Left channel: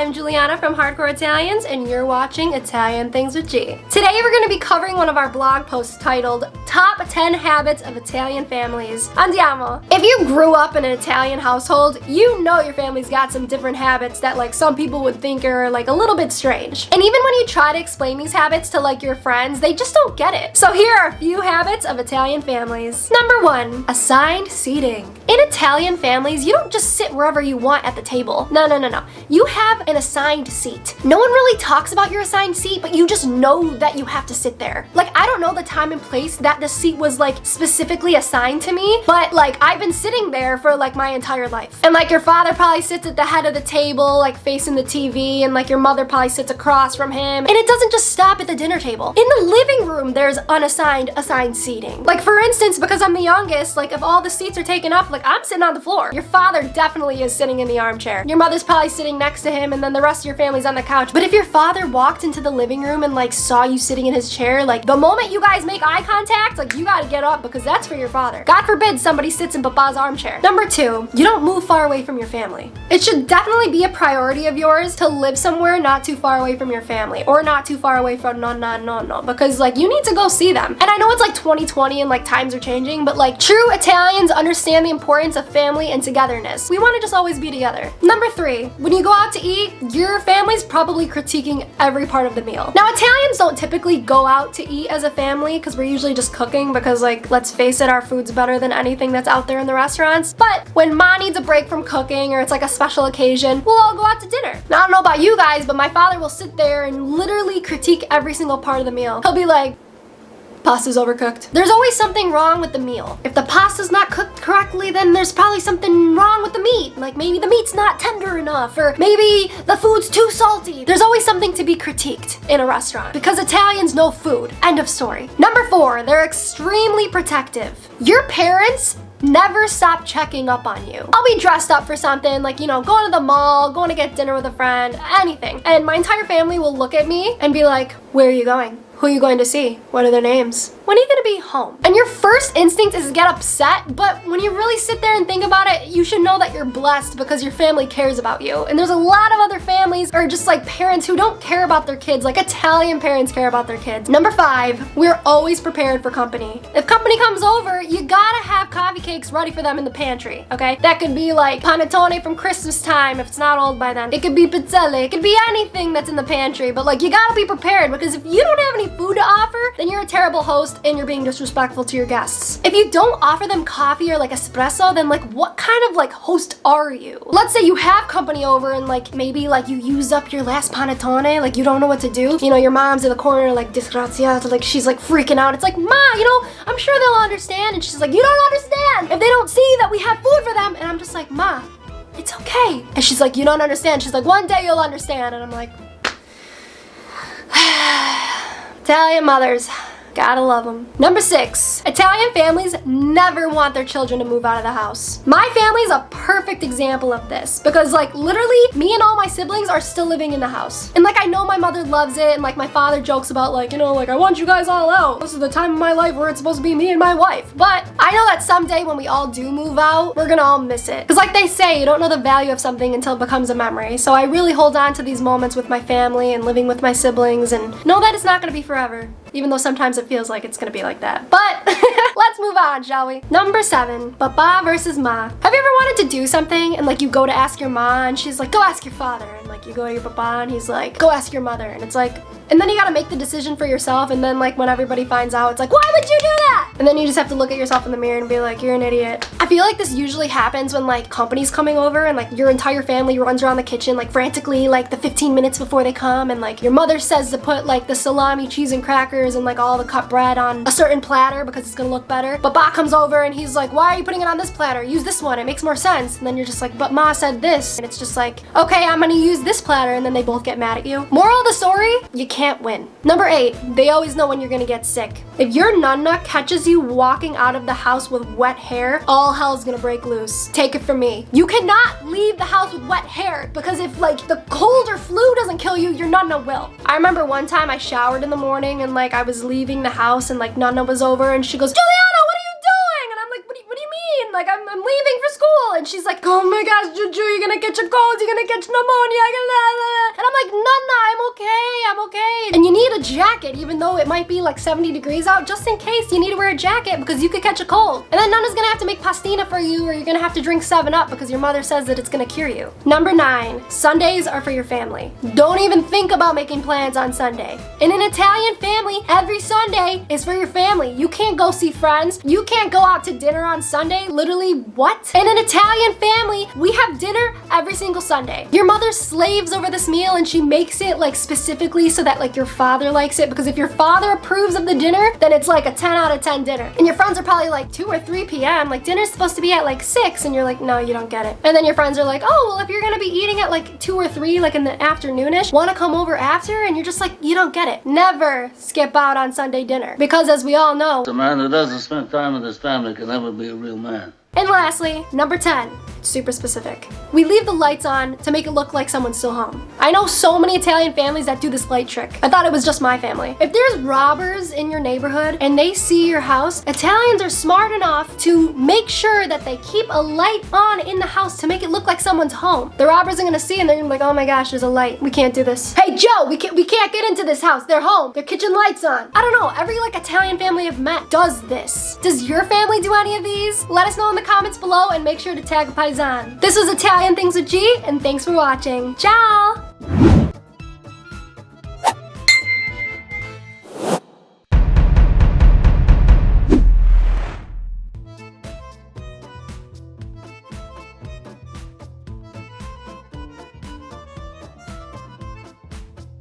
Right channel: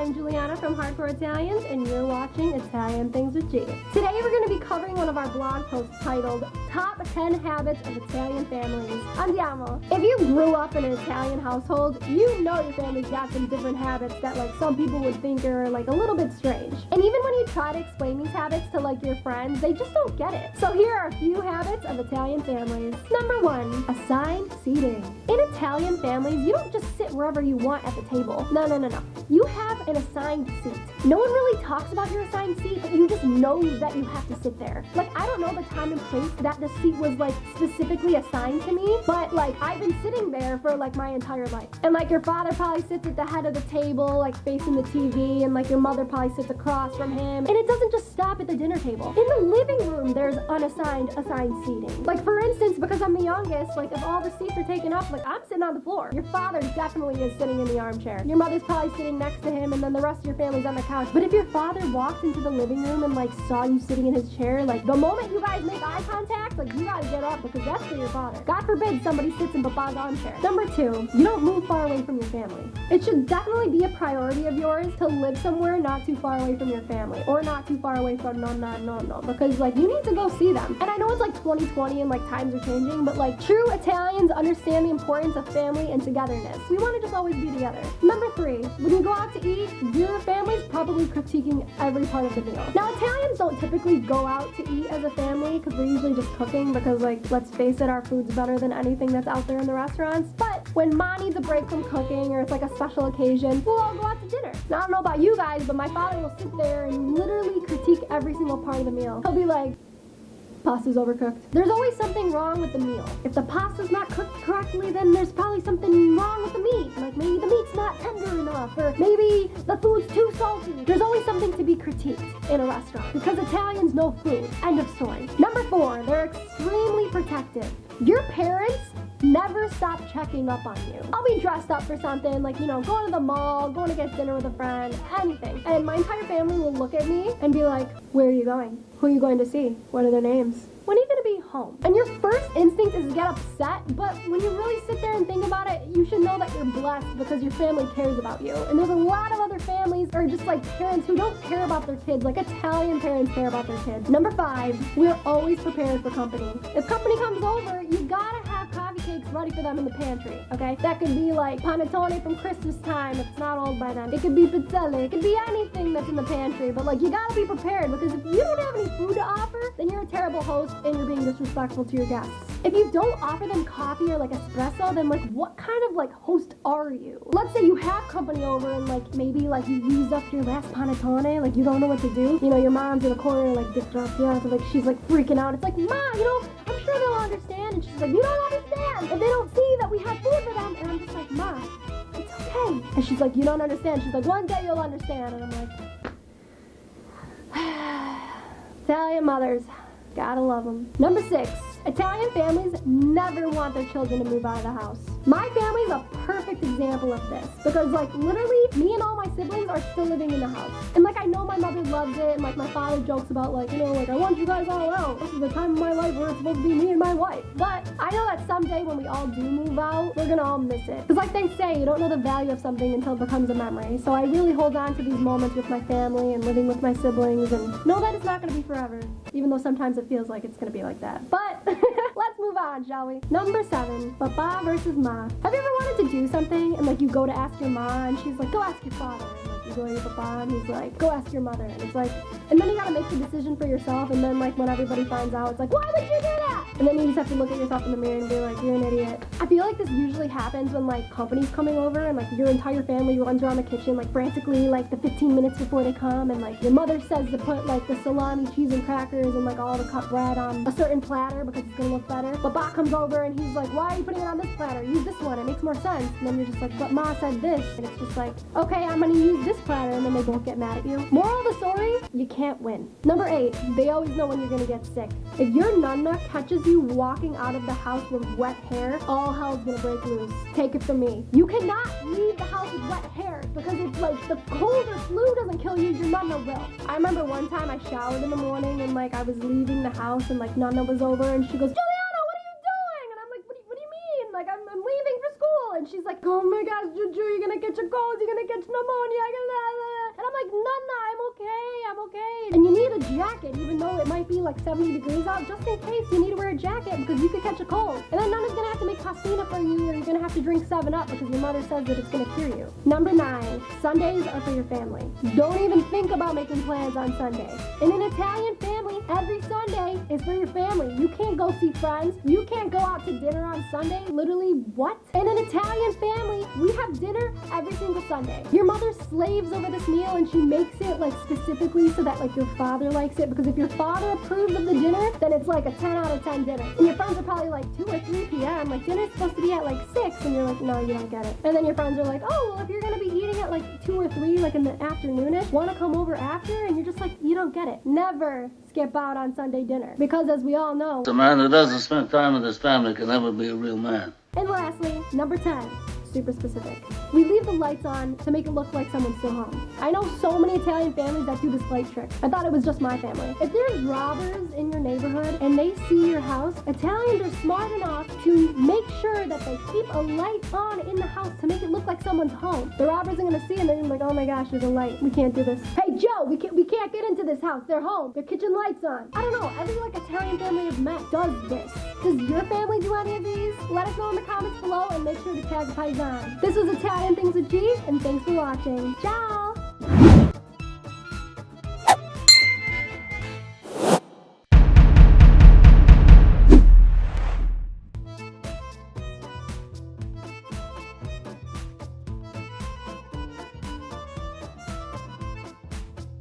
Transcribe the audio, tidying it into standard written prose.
I'm Giuliana from Hardcore Italians, and you're watching Italian Things with G. Today we're going to be covering one of our blog posts titled Top 10 Habits of Italian Families. Andiamo! If you grew up in an Italian household, you know your family's got some different habits that like some people would think are like a little bit strange. And even when you try to explain these habits to like your friends, they just don't get it. So here are a few habits of Italian families. Number 1, assigned seating. In Italian families, you don't just sit wherever you want at the table. No. You have an assigned seat. No one really talks about your assigned seat, but you just know that you have to sit there. Like, I don't know the time and place that the seat was like specifically assigned to me, but like I've been sitting there for like my entire life. And like your father probably sits at the head of the table, like facing the TV, and like your mother probably sits across from him. And it doesn't just stop at the dinner table. In the living room, there's assigned seating. Like for instance, because I'm the youngest, like if all the seats are taken up, like I'm sitting on the floor. Your father definitely is sitting in the armchair. Your mother's probably sitting next to him, and then the rest of your family's on the couch. But if your father walked into the living room and like saw you sitting in his chair, like the moment you guys make eye contact, like you gotta get up because that's for your father. God forbid somebody sits in Papa's armchair. Number 2, you don't move far away from your family. It should definitely be a priority of yours to live somewhere not too far away from your family, or not too far away from no, because like you need to go see them. And I know it's like 2020 and like times are changing, but like true Italians understand the importance of family and togetherness. We want to just always be together. Number 3, when you go out to eat, your family's probably critiquing every part of the meal. Now, Italians don't typically go out to eat as a family because we're usually just cooking because like, let's face it, our food's better than anything that's out there in the restaurants. But when Ma needs a break from cooking or it's like a special occasion, we'll all go out to dinner. Now, I don't know about you guys, but my father will sit there and literally critique every single part of the meal. He'll be like, pasta's overcooked. There's always something wrong with the meal. If the pasta's not cooked correctly, then there's probably something wrong with the meat. Like maybe the meat's not tender enough, or maybe the food's too salty. There's always something to be critiqued in a restaurant because Italians know food. End of story. Number 4, they're extremely protective. Your parents never stop checking up on you. I'll be dressed up for something, like, you know, going to the mall, going to get dinner with a friend, anything. And my entire family will look at me and be like, where are you going? Who are you going to see? What are their names? When are you gonna be home? And your first instinct is to get upset, but when you really sit there and think about it, you should know that you're blessed because your family cares about you. And there's a lot of other families or just like parents who don't care about their kids, like Italian parents care about their kids. Number 5, we're always prepared for company. If company comes over, you gotta have coffee cakes ready for them in the pantry, okay? That could be like panettone from Christmas time if it's not old by then. It could be pizzelle, it could be anything that's in the pantry, but like you gotta be prepared because if you don't have any food to offer, then you're a terrible host and you're being disrespectful to your guests. If you don't offer them coffee or like espresso, then like what kind of like host are you? Let's say you have company over and like maybe like you used up your last panettone, like you don't know what to do. You know, your mom's in the corner like disgraziata, like she's like freaking out. It's like, Ma, you know, I'm sure they'll understand. And she's like, you don't understand if they don't see that we have food for them. And I'm just like, Ma, it's okay. And she's like, you don't understand. She's like, one day you'll understand. And I'm like, Italian mothers, gotta love them. Number 6, Italian families never want their children to move out of the house. My family is a perfect example of this because like literally me and all my siblings are still living in the house. And like I know my mother loves it and like my father jokes about like, you know, like I want you guys all out. This is the time of my life where it's supposed to be me and my wife. But I know that someday when we all do move out, we're gonna all miss it. Because like they say, you don't know the value of something until it becomes a memory. So I really hold on to these moments with my family and living with my siblings and know that it's not gonna be forever. Even though sometimes it feels like it's gonna be like that. But let's move on, shall we? Number 7, Papa versus Ma. Have you ever wanted to do something and like you go to ask your ma and she's like, go ask your father. And like you go to your papa and he's like, go ask your mother. And it's like, and then you gotta make the decision for yourself. And then like when everybody finds out, it's like, why would you do that? And then you just have to look at yourself in the mirror and be like, you're an idiot. I feel like this usually happens when like company's coming over and like your entire family runs around the kitchen like frantically like the 15 minutes before they come, and like your mother says to put like the salami, cheese, and crackers and like all the cut bread on a certain platter because it's gonna look better. But Ba comes over and he's like, why are you putting it on this platter? Use this one, it makes more sense. And then you're just like, but Ma said this. And it's just like, okay, I'm gonna use this platter, and then they both get mad at you. Moral of the story, you can't win. Number 8, they always know when you're gonna get sick. If your nonna catches you walking out of the house with wet hair, all hell's gonna break loose. Take it from me. You cannot leave the house with wet hair because if like the cold or flu doesn't kill you, your nonna will. I remember one time I showered in the morning and like I was leaving the house and like nonna was over and she goes, Giuliana, what are you doing? And I'm like, what do you mean? Like I'm leaving for school. And she's like, oh my gosh, Juju, you're gonna catch a cold, you're gonna catch pneumonia, and I'm like, Nana, I'm okay. And you need a jacket, even though it might be like 70 degrees out, just in case you need to wear a jacket because you could catch a cold. And then Nana's gonna have to make pastina for you, or you're gonna have to drink 7-Up because your mother says that it's gonna cure you. Number 9, Sundays are for your family. Don't even think about making plans on Sunday. In an Italian family, every Sunday is for your family. You can't go see friends. You can't go out to dinner on Sunday. Literally, what? In an Italian family, we have dinner every single Sunday. Your mother slaves over this meal and she makes it like specifically so that like your father likes it, because if your father approves of the dinner, then it's like a 10 out of 10 dinner. And your friends are probably like 2 or 3 p.m. Like dinner's supposed to be at like 6, and you're like, no, you don't get it. And then your friends are like, oh, well, if you're gonna be eating at like 2 or 3, like in the afternoonish, wanna come over after? And you're just like, you don't get it. Never skip out on Sunday dinner, because as we all know, a man who doesn't spend time with his family can never be a real man. And lastly, number 10, super specific. We leave the lights on to make it look like someone's still home. I know so many Italian families that do this light trick. I thought it was just my family. If there's robbers in your neighborhood and they see your house, Italians are smart enough to make sure that they keep a light on in the house to make it look like someone's home. The robbers are gonna see and they're gonna be like, oh my gosh, there's a light. We can't do this. Hey Joe, we can't get into this house. They're home. Their kitchen light's on. I don't know, every like Italian family I've met does this. Does your family do any of these? Let us know in the comments below and make sure to tag Paisan. This was Italian Things with G, and thanks for watching. Ciao!